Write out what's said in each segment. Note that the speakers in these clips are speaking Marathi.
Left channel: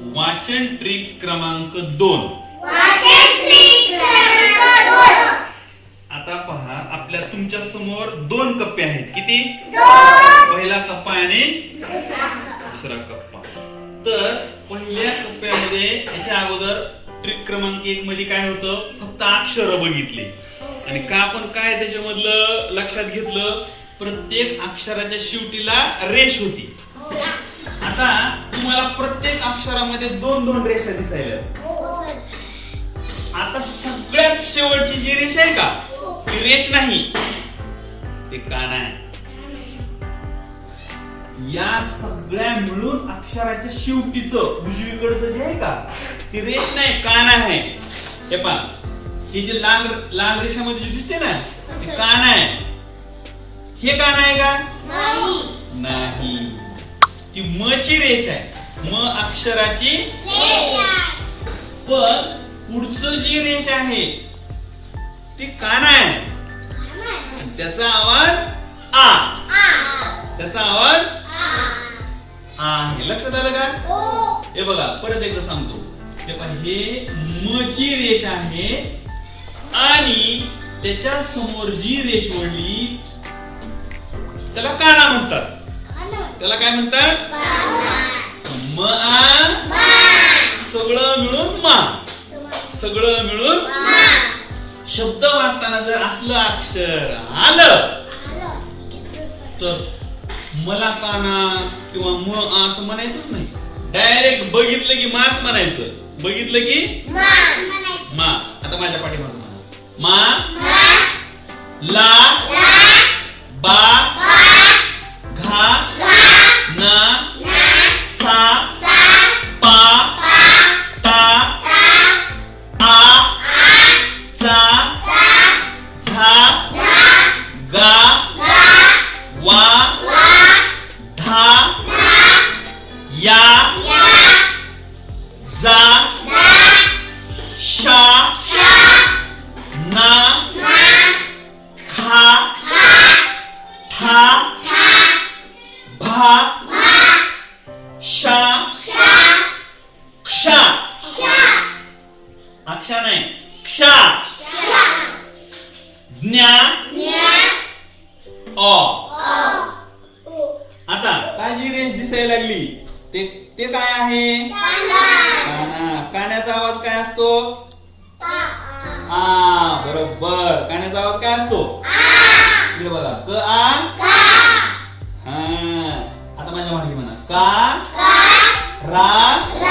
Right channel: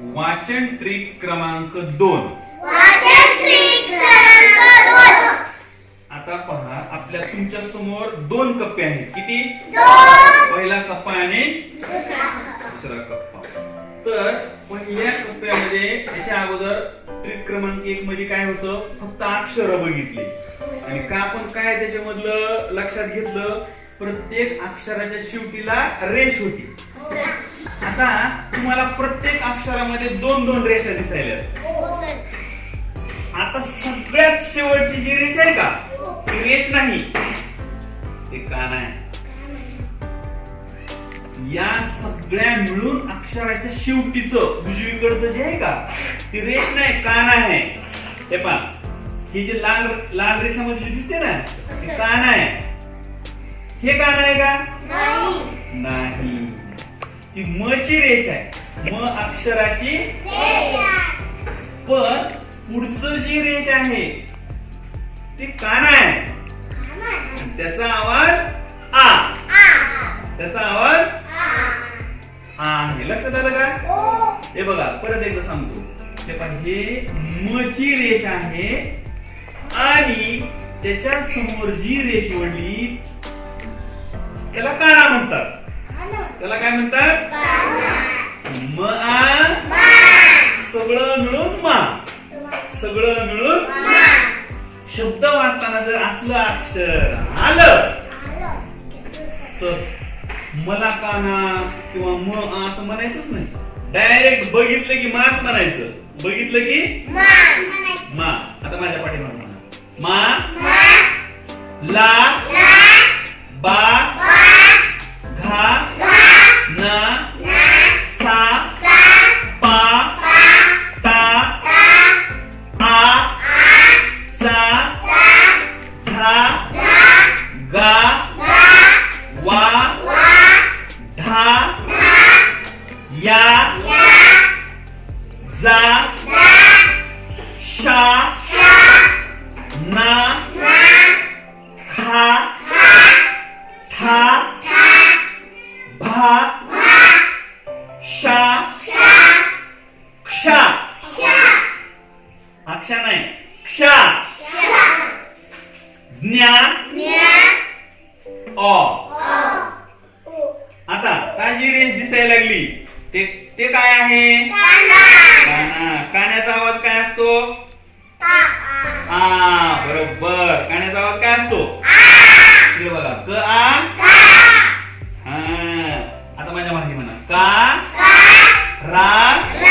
वाचन ट्रिक क्रमांक दोन. आता पहा आपल्या तुमच्यासमोर दोन कप्पे आहेत. किती? पहिला कप्पा आणि दुसरा कप्पा. तर पहिल्या कप्प्यामध्ये याच्या अगोदर ट्रिक क्रमांक एक मध्ये काय होतं? फक्त अक्षर बघितली. आणि का आपण काय त्याच्यामधलं लक्षात घेतलं? प्रत्येक अक्षराच्या शेवटीला रेष होती. आता तुम्हाला प्रत्येक अक्षरामध्ये दोन दोन रेषा दिसायल्या. आता सगळ्यात शेवटची जी रेष आहे का? ती रेष नाही. ते कान आहे या सगळ्या मिळून अक्षराच्या शेवटीच उजवीकडचं जे आहे का ती रेष नाही कान आहे हे पा ही जी लाल लाल रेषामध्ये जी दिसते ना ती कान आहे हे कान आहे का? नाही. ती म ची रेष आहे. म अक्षराची पण पुढचं जी रेष आहे ती काना आहे. त्याचा आवाज आ. त्याचा आवाज आ. आहे लक्षात आलं का? हे बघा परत एकदा सांगतो. हे पहा हे म ची रेष आहे आणि त्याच्यासमोर जी रेष वळली त्याला काना म्हणतात. त्याला काय म्हणतात? म आ सगळं मिळून मा. सगळं मिळून शब्द वाचताना जर असलं अक्षर आलं तर मला काना किंवा म असं म्हणायचंच नाही. डायरेक्ट बघितलं की माच म्हणायचं. बघितलं की मा. आता माझ्या पाठीमागे म्हणा. मा ला बा घा ना आता काय जी रेष दिसायला लागली. ते ते काय आहे? काना. काण्याचा आवाज काय असतो? आ बरोबर. काण्याचा आवाज काय असतो? इकडे बघा. क आ? हा. आता माझ्या मागे म्हणा. का? रा.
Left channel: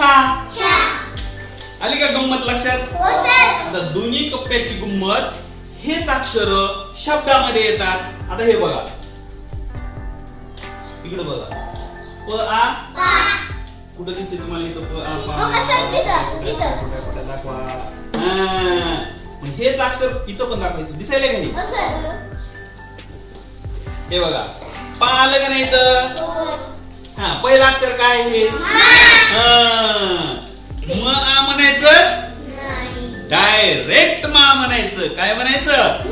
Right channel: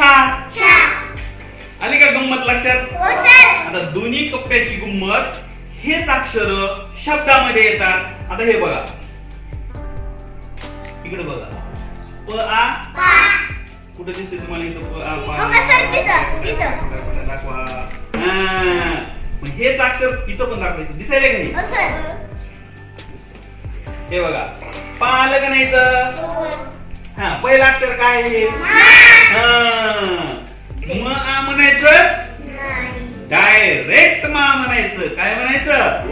छा. आली का गंमत लक्षात? आता दोन्ही कप्प्याची गंमत हेच अक्षर शब्दामध्ये येतात. आता हे बघा. इकडे बघा. प आ. कुठं दिसते तुम्हाला इथं प आ पा? हो का, सर, तिथं, तिथं. कुठं- कुठं दाखवा हा. मग हेच अक्षर इथं पण दाखवायचं दिसायला का नाही? हे बघा. पा आलं का नाही इथं? हा पहिलं अक्षर काय आहे? हा. म आ म्हणायचंच डायरेक्ट मा म्हणायचं. काय म्हणायचं?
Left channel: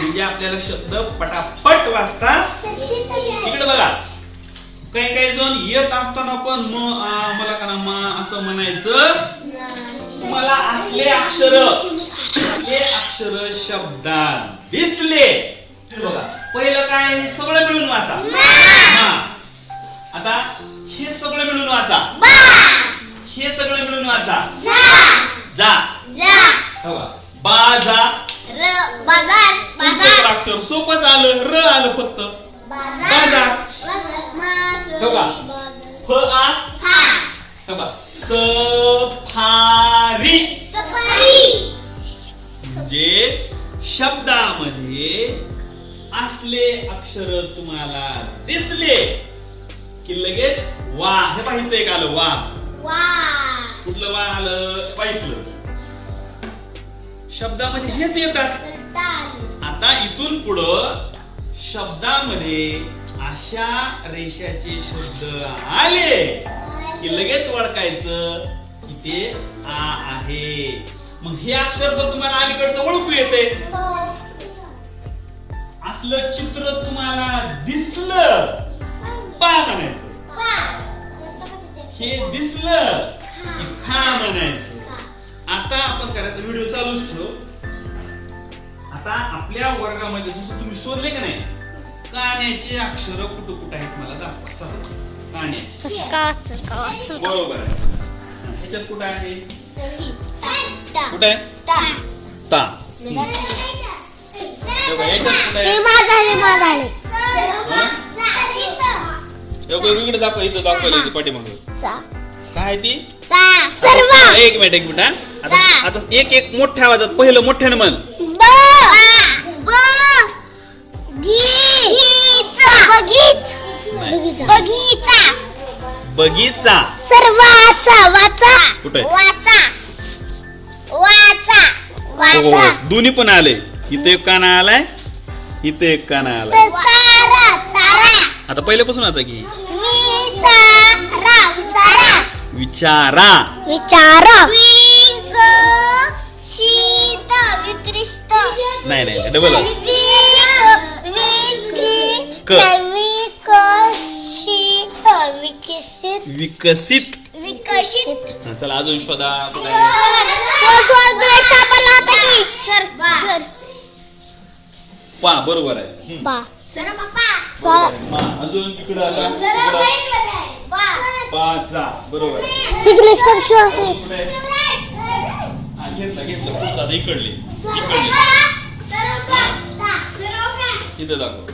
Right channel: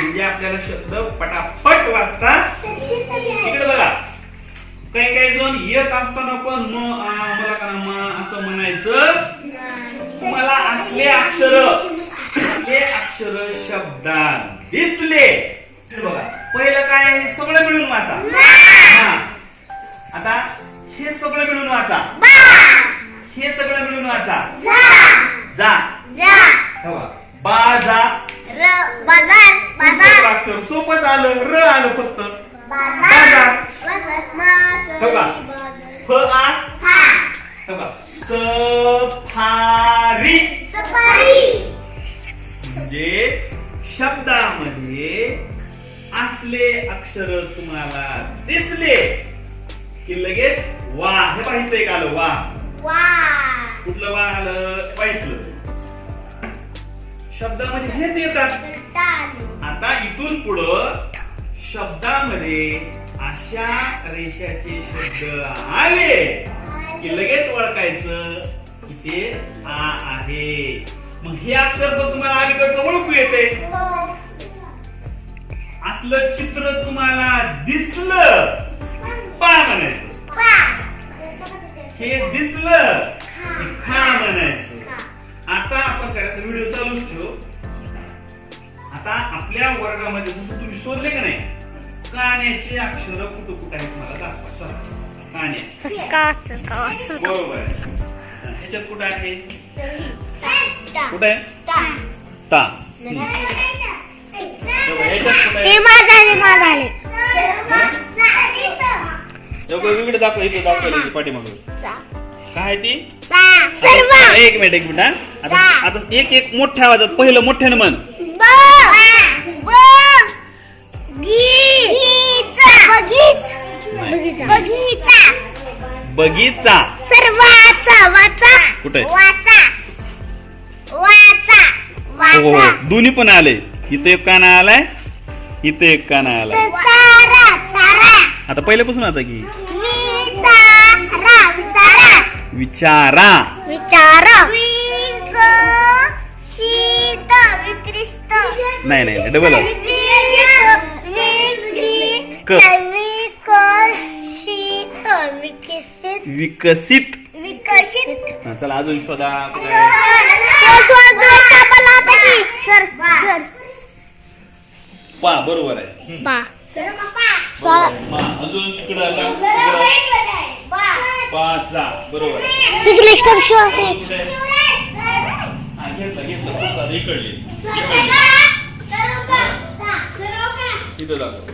म्हणजे आपल्याला शब्द पटापट वाचता इकडे बघा. काही काही जण येत असताना पण म आ मला का ना मा असं म्हणायचं. मला असले अक्षर असले अक्षर शब्दात दिसले. हे बघा. पहिलं काय आहे? हे सगळं मिळून वाचा. मा. आता हे सगळं मिळून वाचा. हे सगळं मिळून वाचा. जा. हे बघा. बाजा पुढचं अक्षर सोपंच आलं र आलं फक्त. फ आ. हे. बघा. सफारी. म्हणजे शब्दामध्ये असले अक्षर तुम्हाला दिसले. की लगेच वा हे पाहिजे एक आलं? वा. कुठलं वा आलं? पाहितलं शब्दामध्ये हेच येतात. आता इथून पुढं शब्दामध्ये अशा रेषाचे शब्द आले की लगेच ओळखायचं की ते आ आहे. मग हे अक्षर पण तुम्हाला अलीकडचं ओळखू येते. असलं चित्र तुम्हाला दिसलं. पा म्हणायचं. हे दिसलं की खा. म्हणायचं. आता आपण करायचं व्हिडिओ चालूच ठेव. आता आपल्या वर्गामध्ये जसं तुम्ही शोधले का नाही कान्याचे अक्षर कुठं कुठं आहेत मला दाखवा. चला कान्याचे बरोबर हा, ह्याच्यात कुठं आहे? कुठं आहे? ता. तेव्हा ह्याच्यात कुठं इकडे दाखवा इथं दाखवायला इथे पाठीमागे. काय आहे ती? एक मिनिट एक मिनिट हा. आता एक एक मोठ्या आवाजात पहिलं मोठ्यानं म्हण. ब. ब. गीचा बगीच. बगीचा. बगीचा. बगीचा. सर्वाचा वाचा कुठे? वाचा. वाचा. हो वाचा. दोन्ही पण आले. इथे एक काना आलाय इथे एक काना आलाय. आता पहिल्यापासून वाचा की? विचारा विचारा. विचारा. विचारा विक शीत विकृष्ट. नाही नाही डबल आहे. विक क. विकसित विकसित विकसित. विकसित. हा, चला अजून शोधा. कुठे आहे पा बरोबर आहे. हम्म. अजून इकडं आला बरोबर घेतलं घेतलं. इकडली. इकडली. इथं दाखव.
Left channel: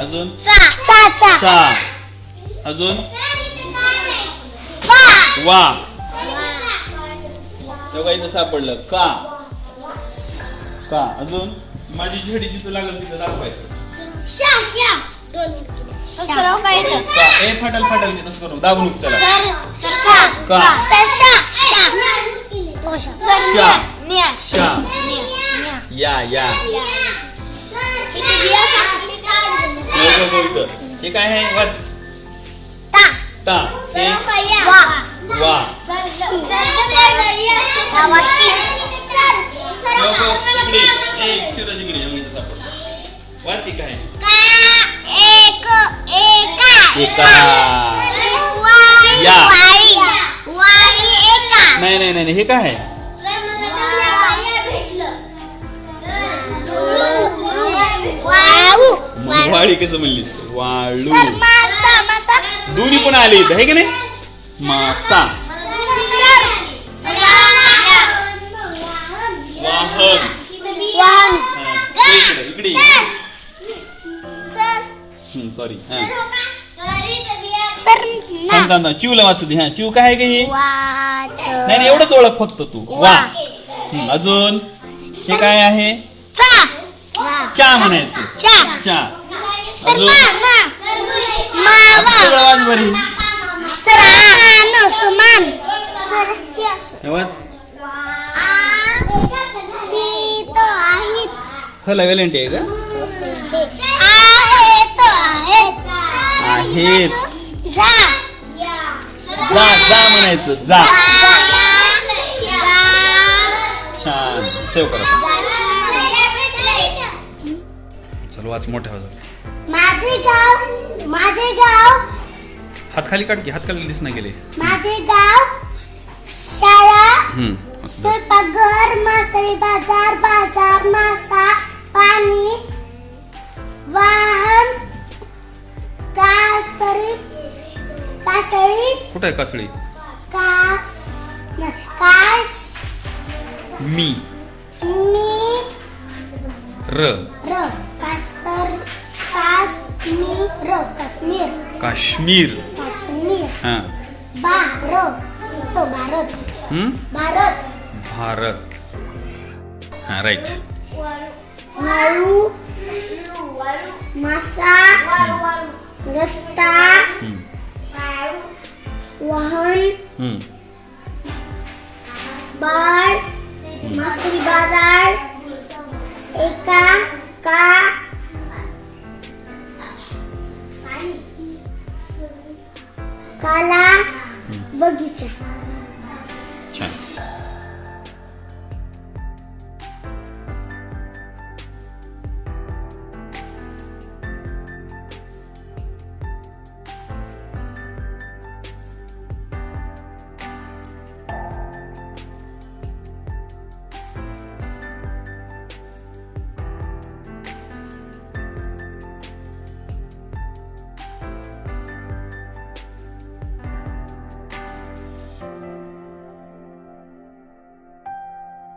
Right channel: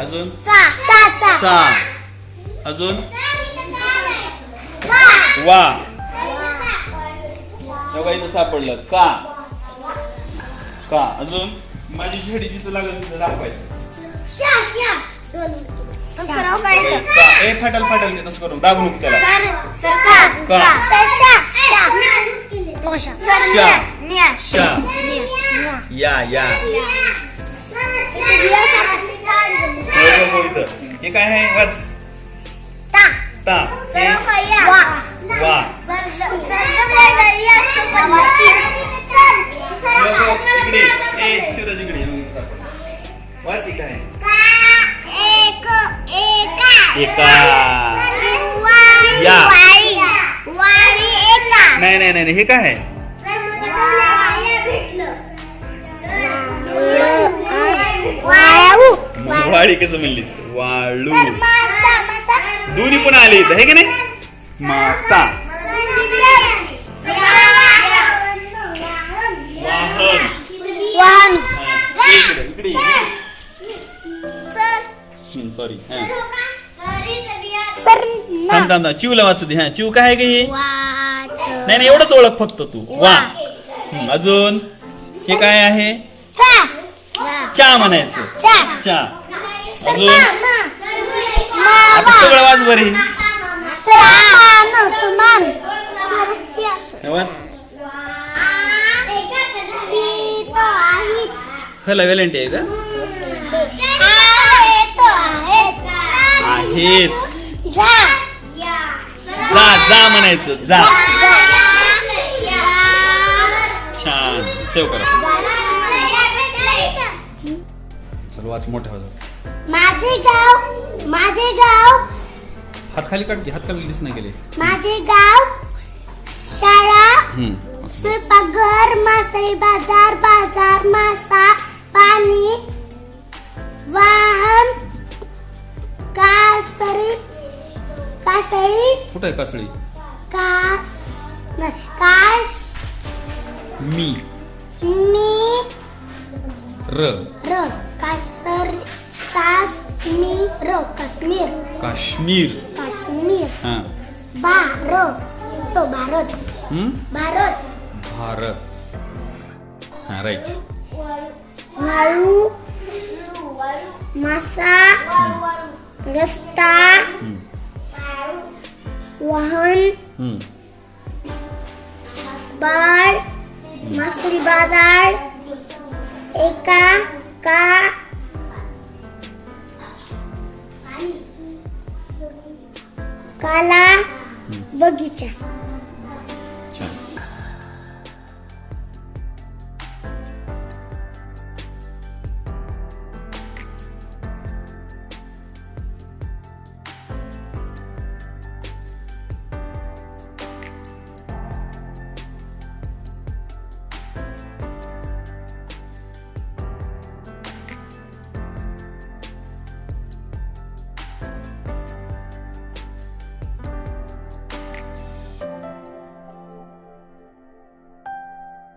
अजून? चा चा चा सा. अजून? वा. वा तेव्हा इथं सापडलं. का? का? अजून? माझी झडी जिथं लागल तिथं दाखवायचं. ए फाटल फाटल ते तसं करू दाबून त्याला का? शा शा शा शा शा. न्या शा या या हे. हे काय आहे वाच ता ता हे वा वा एका या. नाही नाही नाही हे काय आहे वाळू कसं म्हणलीस वाळू मासा मासा दोन्ही पण आले इथं हे की नाही? मासा। वाहन। वाहन। हा, इकडे। सर। सर थांब थांब थांब चिवला वाचू दे हा चिव काय आहे का हे? नाही नाही एवढंच ओळख फक्त तू. वा. अजून? हे काय आहे? चा. चा. म्हणायचं. चा. अजून? आता सगळं वाच बरी वाच. ही हला वेलेंटी आहे का आहेत. जा जा म्हणायचं जा. छान. सेव करा. चल वाच मोठ्या आवाजात माझे गाव माझे गाव. हात खाली काढ की हात खाली दिसना गेले. माझे गाव शाळा हम्म असं दे. स्वयंपाकघर मासळी बाजार बाजार मासा पाणी वाहन कासरी कासळी? कुठं आहे कासळी? कास न- कास मी. मी. र. र. कासर काश्मीर काश्मीर. काश्मीर. काश्मीर. हा. भारत. तो भारत. हम्म? भारत. भारत. हा राईट वाळू. मासा. रस्ता. हम्म. वाहन बार मासरी बाजार एका का काला बगीचा.